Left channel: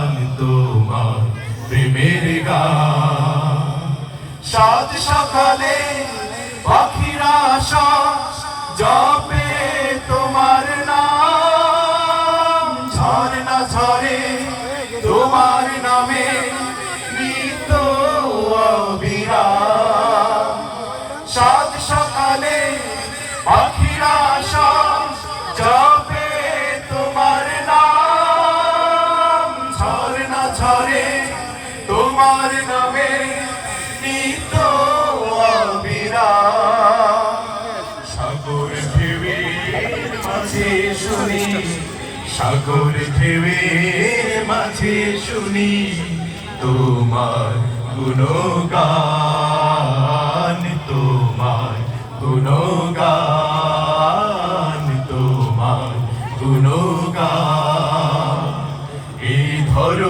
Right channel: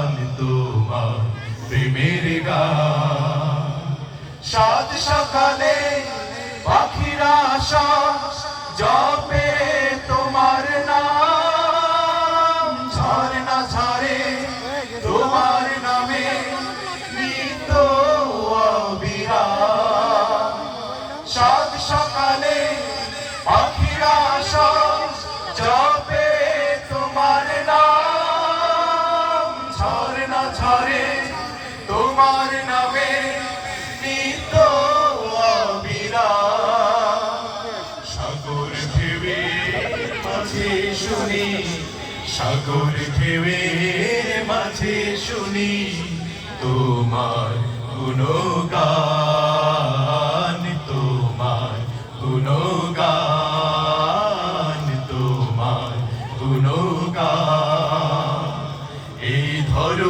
তোমার প্রেমের সকালে পাখিরা আশা জপে ঝরে তোমার নামে সাগর মাঝে শুনি মাঝে শুনি তোমার গুণগান।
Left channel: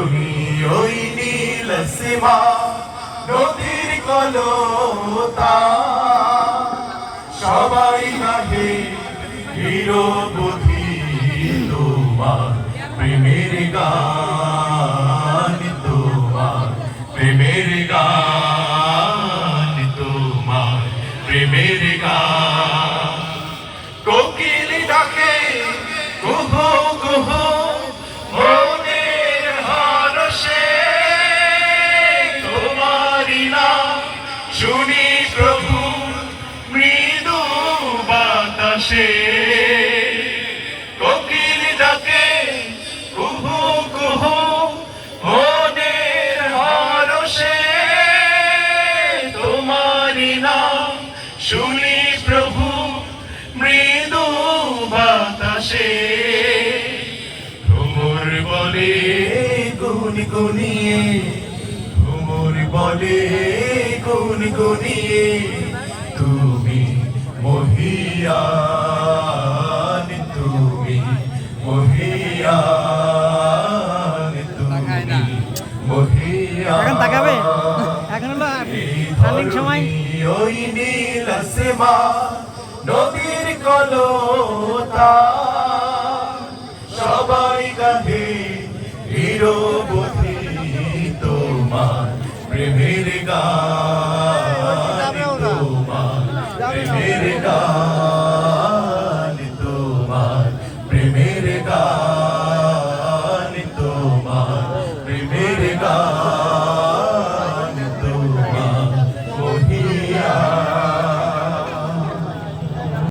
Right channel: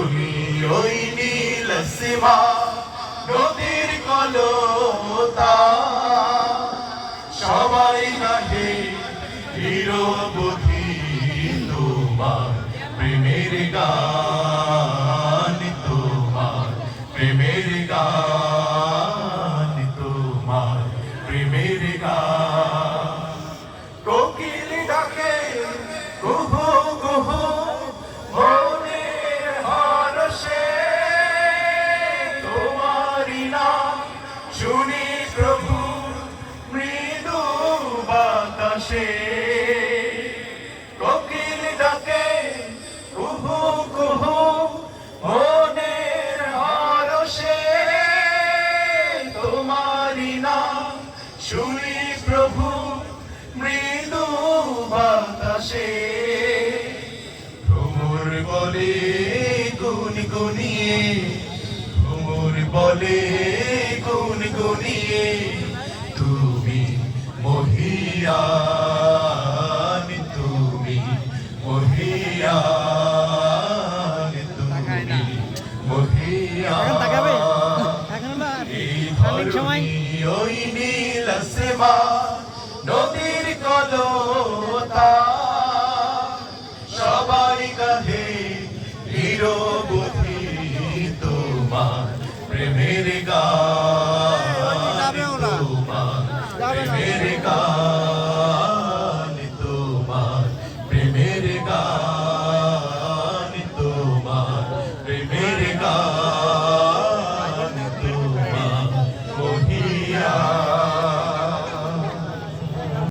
ধরণী ওই নীল সীমা নদীর কলতা। সবাই নাহে নিরবধি তোমার প্রেমের গান তোমার প্রেমের গান শুনি প্রভু মৃদু বাতাসে। ভ্রমর বলে গুনি গুনিয়ে ভ্রমর বলে গুন গুনিয়ে তুমি মহিয়ান তুমি মহিয়ান তুমি এখন তাকাবে? এখন রানিং সময় ওই নীল সেবা নদীর কলতা, সবাই গাহে হিরোবতী তোমার প্রেমের গান, তোমার প্রেমের গান, তোমার প্রেমের গান।